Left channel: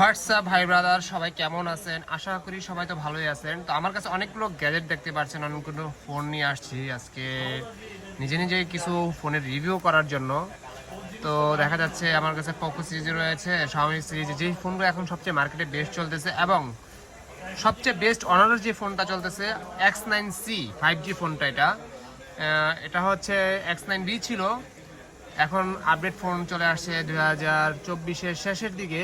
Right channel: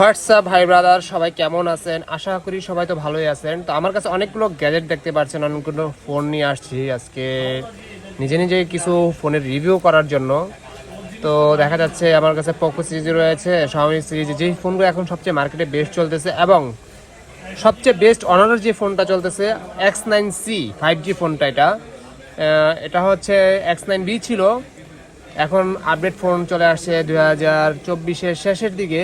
WhatsApp ভাই brother সবাই কেমন আছেন? আশা করি সবাই তো ভালোই আছেন। তো আমার কাছে অনেকগুলো গ্যাজেট দেখতে পাচ্ছেন, অনেকগুলো ফোন নিয়ে আসছি আজকে। নিজে নিজে কিছু ফোনের রিভিউ করার জন্য। তো দেখা যাচ্ছে আমার কাছে পোকো সিরিজ রয়েছে শাওমি সিরিজ যেই ফোনগুলো এখন সবচেয়ে মার্কেটে বেস্ট চলতেছে এবং সবচেয়ে বেস্ট অনারের যে ফোনটা চলতেছে X nine C five G ফোনটা এটা। এটা হচ্ছে এক্স নাইন বি ছিল। এখন আপডেট ফোন চলে আসছে দু হাজার চব্বিশের শেষের দিকে।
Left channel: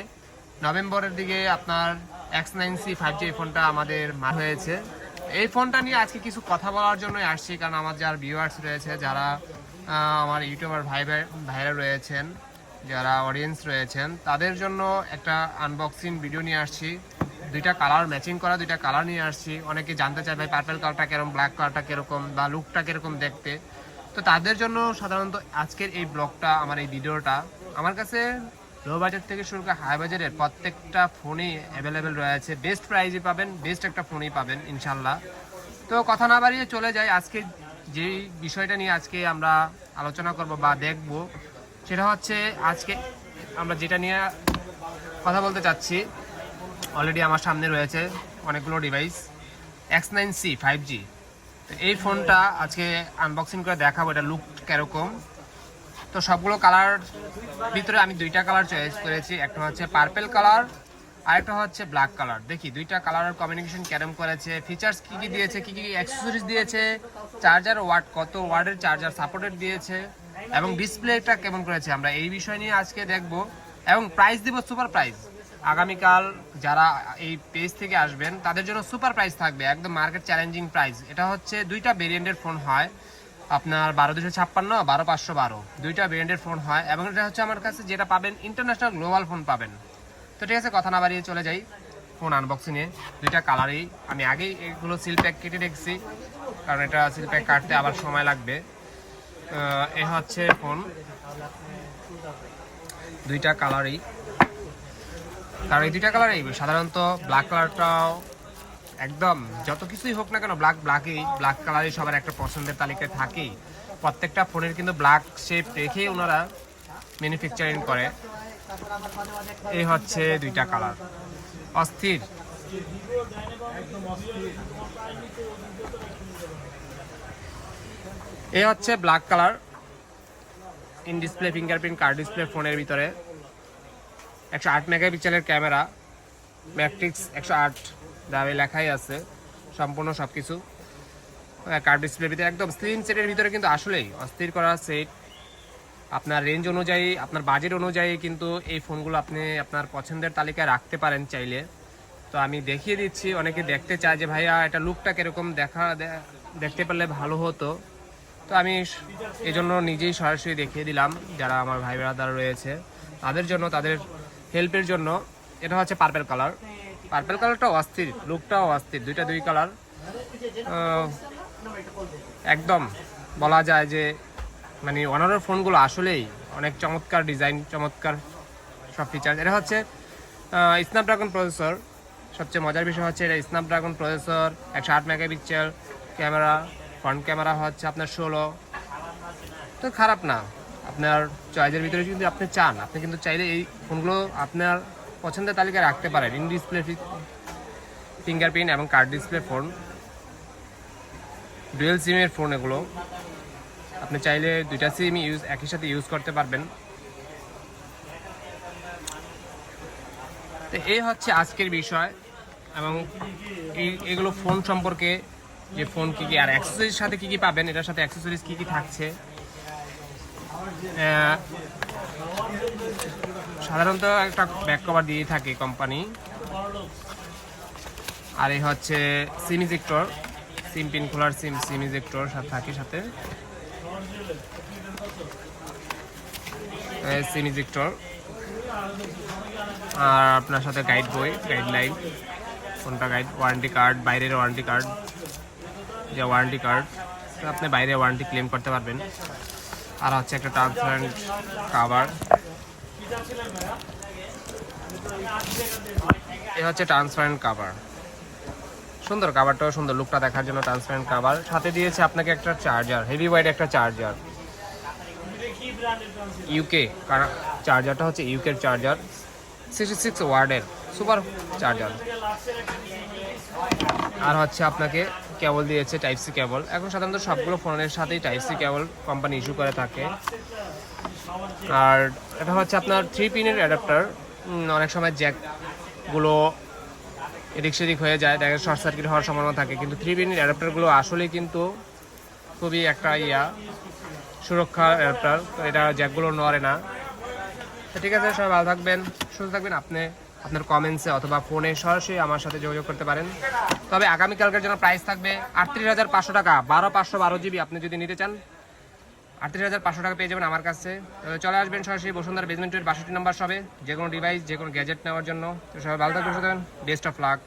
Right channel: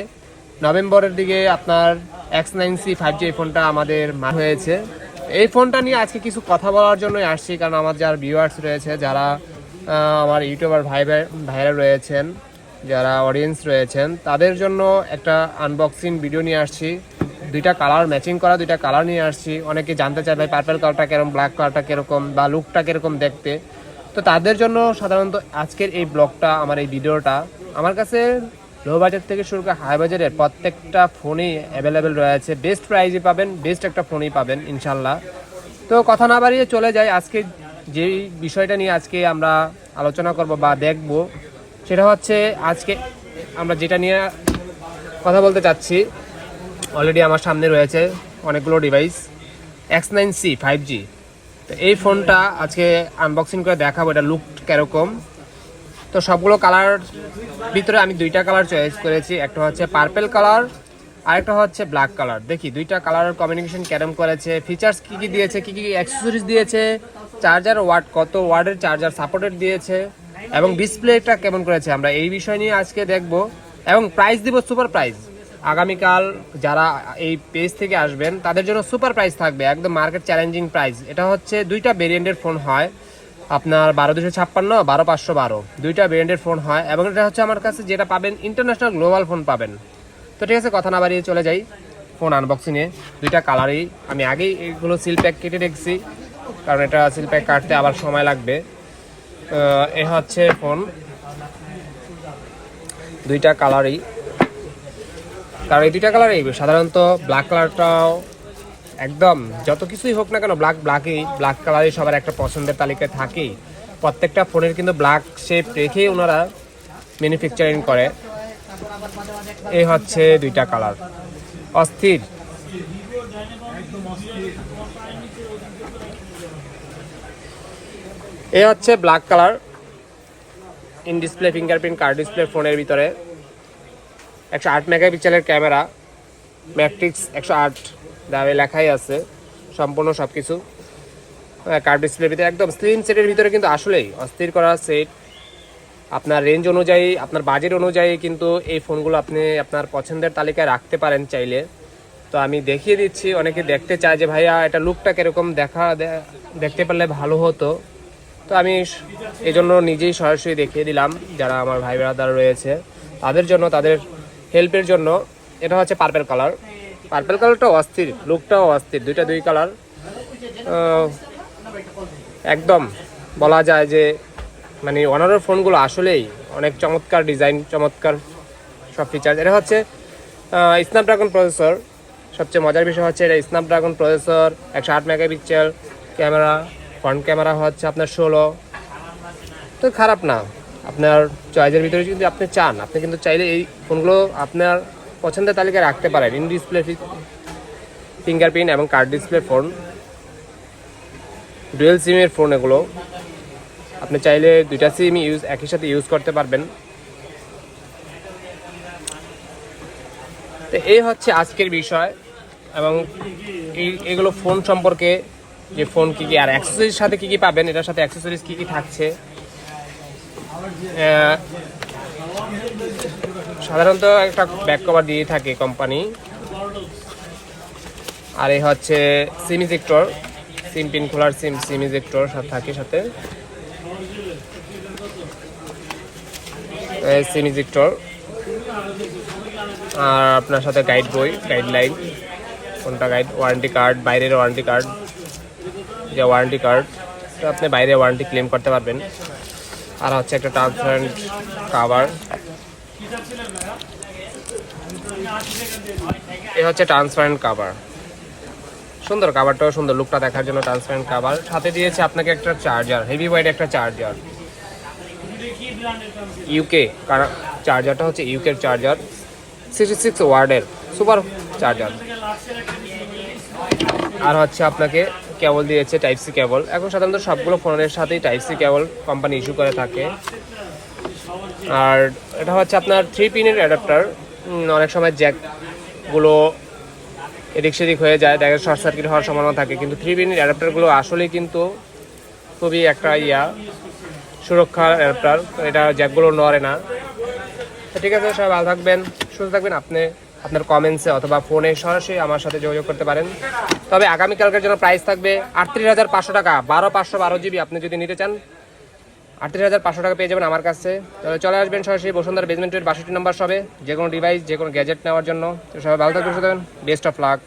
নভেম্বরের দিকে আপনার X nine C five G এই ফোনটা আমাদের মা হয়েছে। এই ফোনটা নিয়ে আজকে কিছু কথা বলার জন্যই আসছি, কারণ আমার যারা ভিউয়ার্স রয়েছে, যারা আমার ইউটিউবার ভাই- ভাইরা রয়েছেন, যারা অডিয়েন্স রয়েছেন, তাদের জন্য একটা আনবক্সিং ভিডিও নিয়ে আসছি। দুইটা কালার ম্যাচিং করা, দুইটা কালার নিয়ে আসছি। অনেকে জানতে চায় ভাই পার্পেল কালারটা কীরকম ব্ল্যাক কালারটা কীরকম, বা লুকটা কীরকম দেখতে। তো তাদের জন্য সাধারণত আজকের এই ব্লগটা আমার এই ভিডিওটা আমার কাছে লো বাজার থেকে শুরু করে হাই বাজারের প্রত্যেকটা ফোনই অ্যাভেলেবেল রয়েছে। বেস্ট প্রাইজে পাবেন বেস্ট একটা ফোনই পাবেন ইনশাল্লাহ তো কথা না বাড়িয়ে চলে যাই, আজকে যে বিষয়টা নিয়ে আজকে আমরা আলোচনা করব বা দেখব, সেটা হচ্ছে আজকে আমরা যেটা নিয়ে কথা বলতে চাচ্ছি অলরেডি আমার সামনে রয়েছে অনেকগুলো device X nine C five G তো এই ফোনটা আজকে আনবক্সিং করে দেখাবো, এটা লুক কীরকম। তো সবগুলো কালার ভিতরে আমি দুইটা কালার চয়েস করেছি। একটা হচ্ছে পার্পেল কালার আরেকটা হচ্ছে ব্ল্যাক কালার দেখি, দুইটা কালারের কমিউনিকেশন কেরম করেছে ফিচার্স কি কি দিয়েছে, কি কি অ্যাক্সেসরিজ দিয়েছে চার্জার ওয়াট কত ওয়ার্ডের চার্জার সাপোর্টেড দিয়েছে, এবং ডিসপ্লেটা কেমন করেছে আমরা এই বিষয় নিয়ে আজকে দেখব। এবং প্রাইস দিব সুপার প্রাইস আগামীকাল যারা এই পেজ থেকে আসবেন, তাদের জন্য সুপার প্রাইস থাকবে, একদম মার্কেট চ্যালেঞ্জিং প্রাইস এটা হচ্ছে দুইটা ভেরিয়েন্টের ফোন হয়। আপনার বারো দুশো ছাপ্পান্ন, বারো পাঁচশো বারো। দুইটা ব্র্যান্ডের ফোন হয় এবং এটা হচ্ছে আমার কাছে যেটা পাবেন ইন্টারন্যাশনাল গ্লোবাল ফোন পাবেন। তো ঠিক আছে, কথা না বাড়িয়ে চলে যাই। ফোন আনবক্সিংয়ে দুইটা কালারই আমি আগেই এগুলো সিল প্যাক কেটে রেখেছি, কারণ এটা সিল প্যাক কাটতে আবার সময় লাগবে। এ হচ্ছে ফোন দুইটা কালারই কারণ এই দুইটা কালারই সাধারণত ব্ল্যাক কালারটাও একদম, যত কিছুই হোক না কেন ব্ল্যাক ব্ল্যাকই ব্ল্যাক কালারই সবার একটা পছন্দের তালিকায় থাকেই। প্রত্যেকটা ফোনের কিন্তু ব্ল্যাক শেপ রেখেই ওনারা ম্যানুফ্যাকচারিং করে। এই হচ্ছে দুইটা কালার অস্থির। এ হচ্ছে black colour in display fingerprint curved display ফোনের ভিতরে। একশো আট মেগাপিক্সেলের ক্যামেরা। ম্যাট্রিক্স একশো আট। দামে লেখাই আছে, সম্পূর্ণ সব কিছু কার্ড ডিসপ্লের ভিতরে একদম স্লিম সেটের ভিতরে কিন্তু আসলেই অস্থির করা সেট আপনার রেঞ্জ অনুযায়ী, আপনার বাজেট অনুযায়ী কিন্তু এই ফোনগুলো আপনি আপনার পছন্দের তালিকায় রাখতে পারেন চাইলে। তো আমি দেখিয়ে দিচ্ছি, অনেকে দেখতে চায় যে ভাইয়া এটা লুকটা কীরকম দেখা দেখতে পারলে ভালো হতো। তো আমি এই জন্য নিজেই সরাসরি দেখিয়ে দিলাম, যারা আমার ভাই ব্রাদার রয়েছে, তাদের জন্য, তাদের হেল্পের জন্য। এটা হচ্ছে পার্পেল কালার পার্পেল কালারটাও অস্থির লুকটাও অস্থির, দুইটা দুই কালার একদম বলা যায় যে মানে অনারের ফোনগুলো আসলেই অনেক চমৎকার ডিজাইন চমৎকার সব ফিচার এটা হচ্ছে স্ন্যাপড্রাগন প্রসেসর সবচেয়ে মজার বিষয় হচ্ছে, এটা স্ন্যাপড্রাগন প্রসেসর একশো আট মেগাপিক্সেল ক্যামেরা ফ্রন্ট ক্যামেরা হচ্ছে আপনার ষোলো। তো খারাপ না, আপনার চয়েসের ভিতরে যদি আপনি চান, আপনি কিন্তু চাইলে এই ফোনগুলো আপনার পছন্দের তালিকায় রাখতে পারেন। ইন ডিসপ্লে ফিঙ্গারপ্রিন্ট এবং কার্ড ডিসপ্লে ফোন ডুয়েল সিমের ফোন এগুলো। আপনি চাইলে দুইটা সিম ইউজ একই সাথে ইউজ করতে পারবেন। তো এই হচ্ছে আজকের বিষয় এবং এই, এগুলো ফোন সম্পর্কে যে ফোন কী কী, আর অ্যাক্সেসরির সাথে কী কী পাবেন, এটার সাথে অ্যাক্সেসরিজ কী কী থাকছে। সাধারণত একটা ব্যাক কভার দিয়ে থাকে কোম্পানি আর এই হচ্ছে সিম ইজেক্টর সিম পিন খোলার সিম সিম ইজেক্টর সাথে থাকে সাথে। সিম ইজেক্টর আর আপনার সাথে গাইড বই গাইডলাইন কোনটা গাইড ওয়ারেন্টি কার্ড বাইরের ওয়ারেন্টি কার্ড যে ওয়ারেন্টি কার্ড আপনি বাইরে ওয়ারেন্টি ক্লেম করতে পারবেন। আর হচ্ছে একটা ট্রান্সপারেন্ট কাভার এ হচ্ছে ট্রান্সপারেন্ট কাভার সুন্দর কাভারটাও সুন্দর লুকটা দেখার জন্য ট্রান্সপারেন্ট কাভার সাথে দিয়েছে আপনাকে একটা চার্জার হেভি ওয়াইড একটা চার্জার ইউকে কারণ চার্জারটা হচ্ছে ইউকের চার্জার সিক্সটি সিক্স ওয়ার্ডের সুপার চার্জার আর হচ্ছে আপনাকে কেবল দিয়েছে টাইপ সি কেবল এখন সাধারণত সবগুলো ফোনের সাথেই type C cable company issue করে থাকে। আর এটা হচ্ছে আপনার থ্রি পিনের অ্যাডাপ্টার অনেক সময় জ্যাকগুলো এদিক সেদিক হয়ে যায়, দেখা শর্ট সার্কিট হওয়ার সম্ভাবনা থাকে। কিন্তু থ্রি পিনের অ্যাডাপ্টারগুলো আসলেই কিন্তু খুবই একটা ইয়া সুরক্ষা অ্যাডাপ্টার এটা জ্যাকগুলো নড়ে না। তো ঠিক আছে, সবাই ভালো থাকবেন, সুস্থ থাকবেন। আপনি আপনার কমেন্টসে অথবা ফোনে সরাসরি আমার সাথে যোগাযোগ করতে পারেন। তবে আগামীকালকের জন্য প্রাইস থাকবে আটত্রিশ হাজার পাঁচশো টাকা, বারো পাঁচশো বারো জিবি আপনি যদি নিতে চান আটত্রিশ হাজার পাঁচশো টাকা পেয়ে যাবেন আমার কাছে। তাহলে চলে আসবেন সরাসরি বসুন্ধরা বেজমেন্টের বাষট্টি নম্বর সবে যে কোনো ডিভাইস যে কোনো গ্যাজেট নেওয়ার জন্য। সবাই ভালো থাকবেন বেস্ট অফ লাক